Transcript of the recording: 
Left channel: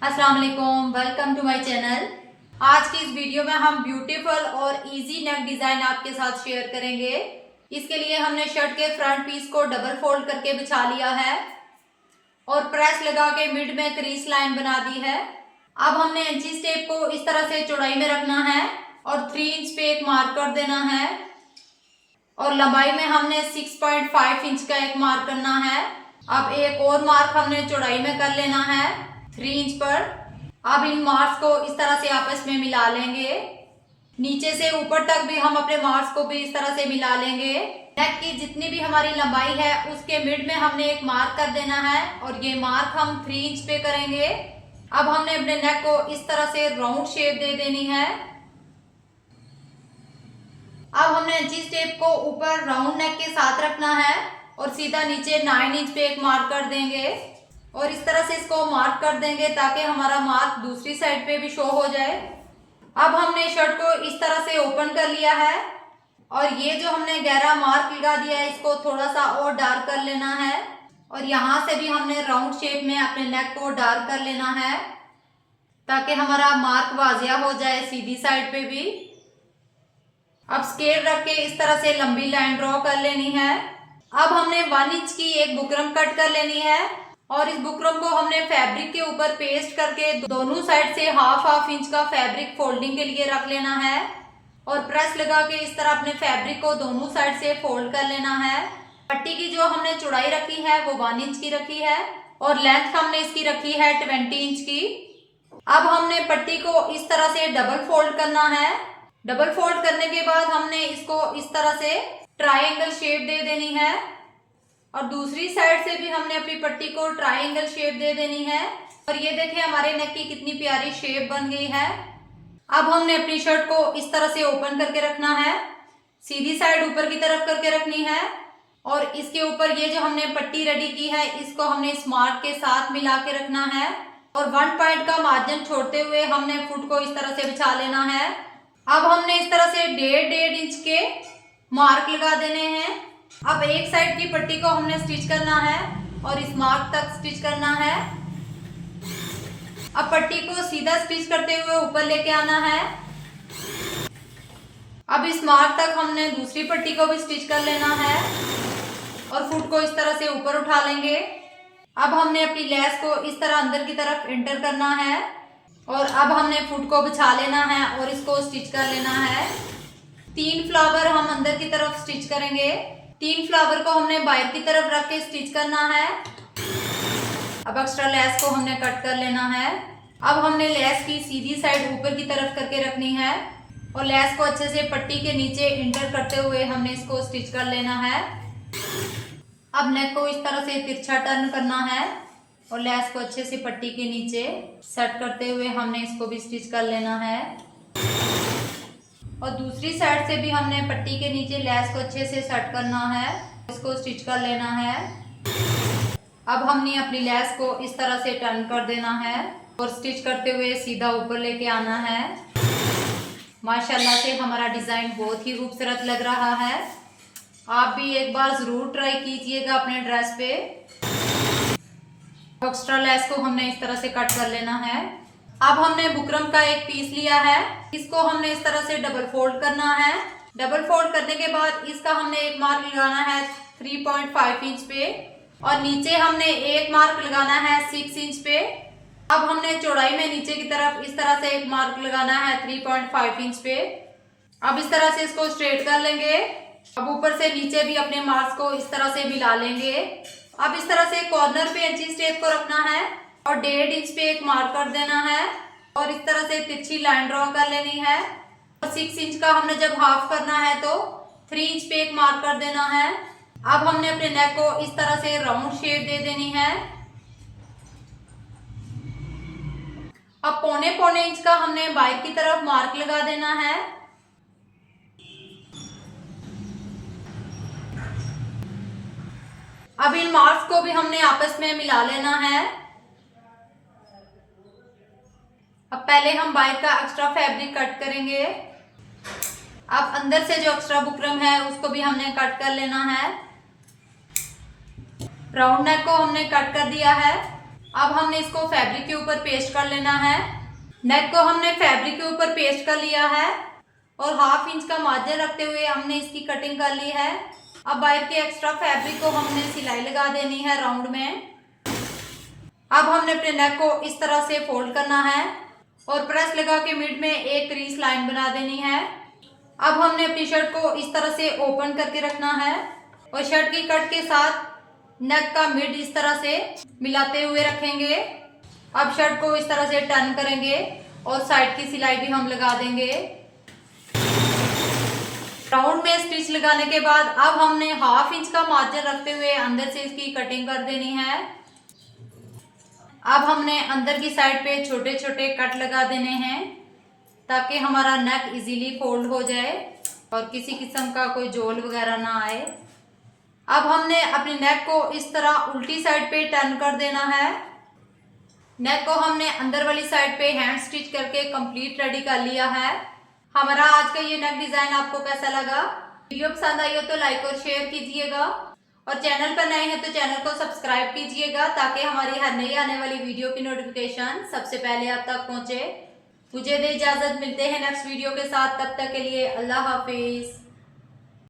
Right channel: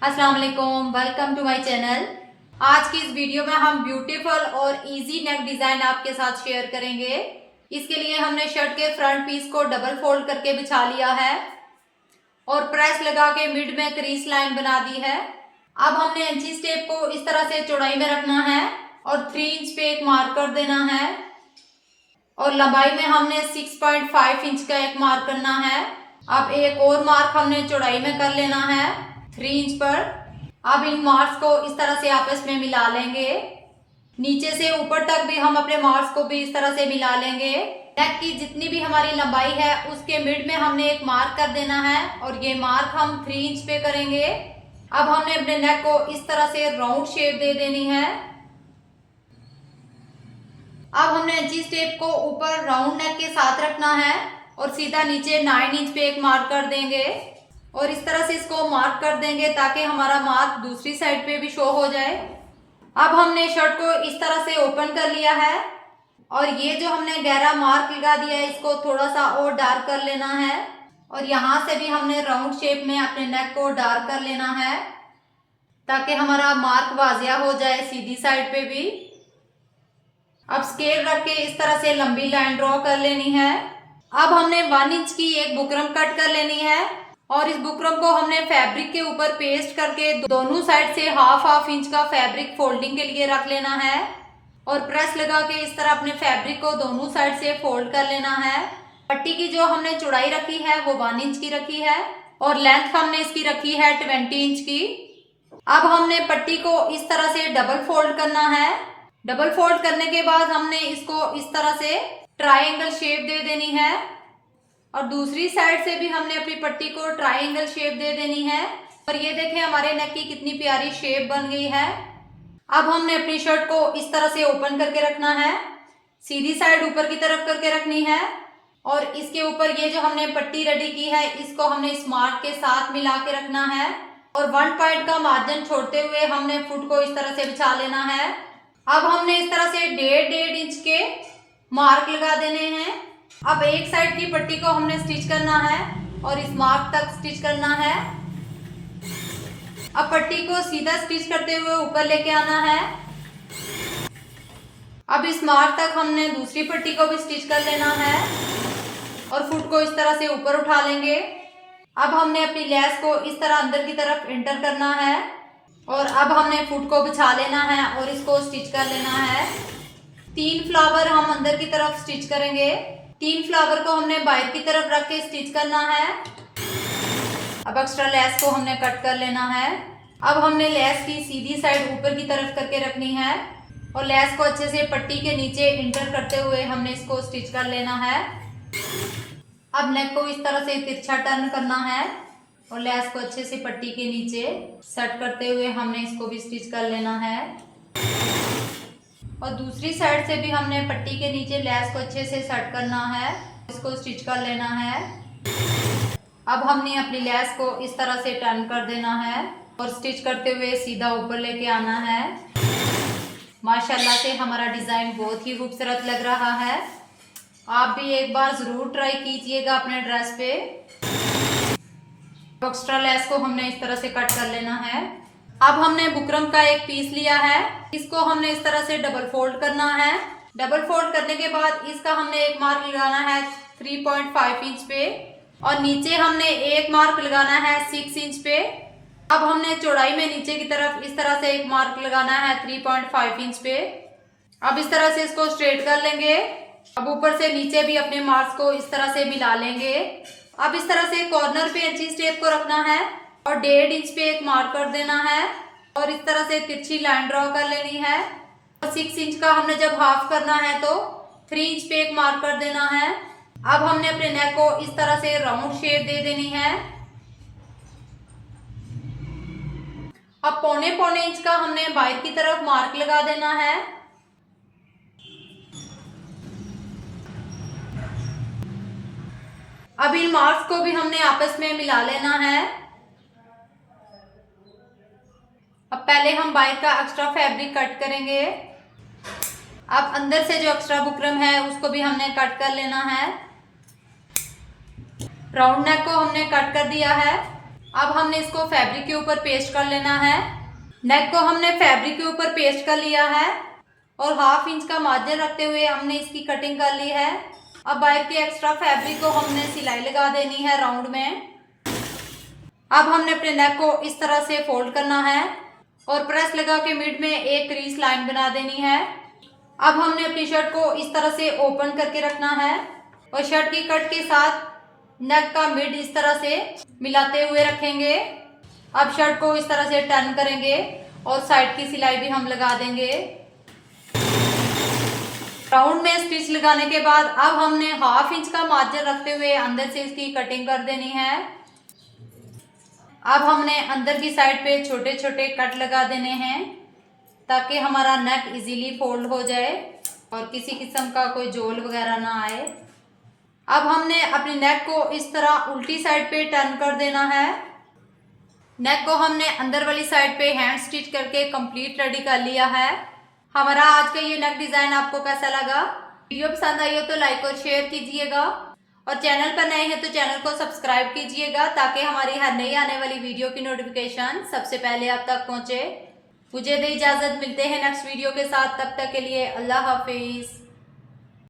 अस्सलाम वालेकुम, welcome to my channel. आज की इस वीडियो में हम ब्यूटीफुल और इजी नेक डिजाइन आपके साथ शेयर करेंगे। इसके लिए हमने शर्ट के फ्रंट पीस को डबल फोल्ड करके बिछा लिया है और प्रेस लगा के मिड में क्रीज लाइन बना दी है। अब हमने इंची टेप को इस तरह से चौड़ाई में रखना है और 3 इंच पे एक मार्क कर देना है और लंबाई में हमने 6.5 इंच का एक मार्क करना है। अब एक और मार्क हमने चौड़ाई में कर लेना है 3 इंच पर। अब इन मार्क्स को इस तरह से आपस में मिला लेंगे। नीचे से ऊपर तक भी हम अपने मार्क्स को भी इस तरह से मिला लेंगे। नेक की जितनी भी हमारी लंबाई है उसके मिड में हमने एक मार्क कर देना है और ये मार्क हम 3 इंच पे करेंगे। अब हमने अपने नेक को इस तरह से राउंड शेप दे देनी है। अब हमने इंची टेप को ऊपर राउंड नेक के साथ रखना है और सीधा नीचे 9 इंच पे एक मार्क कर देंगे और इस तरह से इसको मार्क कर देंगे ताकि हमारा मार्क दूसरी साइड पे भी शो हो जाए। अब हमने शर्ट को इस तरह से ओपन कर लिया है और ये जो हमने गहरा मार्क लगा दिया है इसको थोड़ा सा और डार्क कर लेना है और यहाँ से भी हमने राउंड शेप में अपने नेक को डार्क कर लेना है ताकि हमारा मार्क वाजिया हो जाए सीधी साइड पे भी। अब स्केल रख के इस तरह से लंबी लाइन ड्रॉ कर लेनी है। अब हमने 1 इंच की एक बुकरम कट कर लेनी है और इस बुकरम को हमने फैब्रिक के ऊपर पेस्ट करके दोनों साइड से हाफ इंच का फैब्रिक फोल्डिंग के लिए रख लेना है और प्रेस लगा के इस तरह अपने फैब्रिक को दोनों साइड से फोल्ड कर लेना है। पट्टी की जो हमने चौड़ाई रखी है वो 1 इंच की रखी है और लेंथ हमने इसकी रखी है 20 इंच की। अब हमने पट्टी को इस तरह से डबल फोल्ड करना है। डबल फोल्ड करने के बाद हमने इसको इस तरह से ट्रायंगल शेप दे देनी है और दूसरी साइड से भी हमने अपनी पट्टी को ट्रायंगल शेप दे देनी है और ये देखें हमारे नेक की कितनी प्यारी शेप बन गई है। अब हमने अपनी शर्ट को इस तरह से ओपन करके रखना है, सीधी साइड ऊपर की तरफ करके रखनी है और इसके ऊपर ये जो हमने पट्टी रेडी की है इसको हमने इस मार्क के साथ मिला के रखना है और 1 पॉइंट का मार्जिन छोड़ते हुए हमने फुट को इस तरह से बिछा लेना है। अब हमने इस तरह से 1.5 इंच के मार्क लगा देने हैं। अब एक साइड की पट्टी को हमने स्टिच करना है और इस मार्क तक स्टिच करना है। अब पट्टी को सीधा स्टिच करते हुए ऊपर लेके आना है। अब इस मार्क तक हमने दूसरी पट्टी को भी स्टिच कर लेना है और फुट को इस तरह से ऊपर उठा लेंगे। अब हमने अपनी लेस को इस तरह अंदर की तरफ इंटर करना है और अब हमने फुट को बिछा लेना है और इसको स्टिच कर लेना है। 3 फ्लावर हम अंदर की तरफ स्टिच करेंगे। 3 फ्लावर को हमने बाहर की तरफ रख के स्टिच करना है। अब एक्स्ट्रा लेस को हमने कट कर लेना है। अब हमने लेस की सीधी साइड ऊपर की तरफ करके रखनी है और लेस को अच्छे से पट्टी के नीचे इंटर करते हुए हमने इसको स्टिच कर लेना है। अब नेक को इस तरह से तिरछा टर्न करना है और लेस को अच्छे से पट्टी के नीचे सेट करते हुए हमने इसको भी स्टिच कर लेना है और दूसरी साइड से भी हमने पट्टी के नीचे लेस को अच्छे से सेट करना है, इसको स्टिच कर लेना है। अब हमने अपनी लेस को इस तरह से टर्न कर देना है और स्टिच करते हुए सीधा ऊपर लेके आना है। माशाल्लाह से हमारा डिज़ाइन बहुत ही खूबसूरत लग रहा है। आप भी एक बार ज़रूर ट्राई कीजिएगा अपने ड्रेस पे। एक्स्ट्रा लेस को हमने इस तरह से कट कर लेना है। अब हमने बुकरम का एक पीस लिया है, इसको हमने इस तरह से डबल फोल्ड करना है। डबल फोल्ड करने के बाद इसका हमने एक मार्क लगाना है 3.5 इंच पे और नीचे हमने एक मार्क लगाना है 6 इंच पे। अब हमने चौड़ाई में नीचे की तरफ इस तरह से एक मार्क लगाना है 3.5 इंच पे। अब इस तरह से इसको स्ट्रेट कर लेंगे। अब ऊपर से नीचे भी अपने मार्क्स को इस तरह से मिला लेंगे। अब इस तरह से कॉर्नर पे इंची टेप को रखना है और 1.5 इंच पे एक मार्क कर देना है और इस तरह से तिरछी लाइन ड्रॉ कर लेनी है और 6 इंच का हमने जब हाफ करना है तो 3 इंच पे एक मार्क कर देना है। अब हमने अपने नेक को इस तरह से राउंड शेप दे देनी है। अब 1.25 इंच का हमने बाहर की तरफ मार्क लगा देना है। अब इन मार्क्स को भी हमने आपस में मिला लेना है। अब पहले हम बाहर का एक्स्ट्रा फैब्रिक कट करेंगे। अब अंदर से जो एक्स्ट्रा बुकरम है उसको भी हमने कट कर लेना है। राउंड नेक को हमने कट कर दिया है। अब हमने इसको फैब्रिक के ऊपर पेस्ट कर लेना है। नेक को हमने फैब्रिक के ऊपर पेस्ट कर लिया है और 1/2 इंच का मार्जिन रखते हुए हमने इसकी कटिंग कर ली है। अब बाहर के एक्स्ट्रा फैब्रिक को हमने सिलाई लगा देनी है राउंड में। अब हमने अपने नेक को इस तरह से फोल्ड करना है और प्रेस लगा के मिड में एक क्रीज लाइन बना देनी है। अब हमने अपनी शर्ट को इस तरह से ओपन करके रखना है और शर्ट की कट के साथ नेक का मिड इस तरह से मिलाते हुए रखेंगे। अब शर्ट को इस तरह से टर्न करेंगे और साइड की सिलाई भी हम लगा देंगे। राउंड में स्टिच लगाने के बाद अब हमने 1/2 इंच का मार्जिन रखते हुए अंदर से इसकी कटिंग कर देनी है। अब हमने अंदर की साइड पे छोटे छोटे कट लगा देने हैं ताकि हमारा नेक इजीली फोल्ड हो जाए और किसी किस्म का कोई जोल वगैरह ना आए। अब हमने अपनी नेक को इस तरह उल्टी साइड पे टर्न कर देना है। नेक को हमने अंदर वाली साइड पे हैंड स्टिच करके कंप्लीट रेडी कर लिया है। हमारा आज का ये नेक डिजाइन आपको कैसा लगा? वीडियो पसंद आई हो तो लाइक और शेयर कीजिएगा और चैनल पर नए हैं तो चैनल को सब्सक्राइब कीजिएगा ताकि हमारी हर नई आने वाली वीडियो की नोटिफिकेशन सबसे पहले आप तक पहुंचे। मुझे दे इजाजत, मिलते हैं नेक्स्ट वीडियो के साथ। तब तक के लिए अल्लाह हाफिज।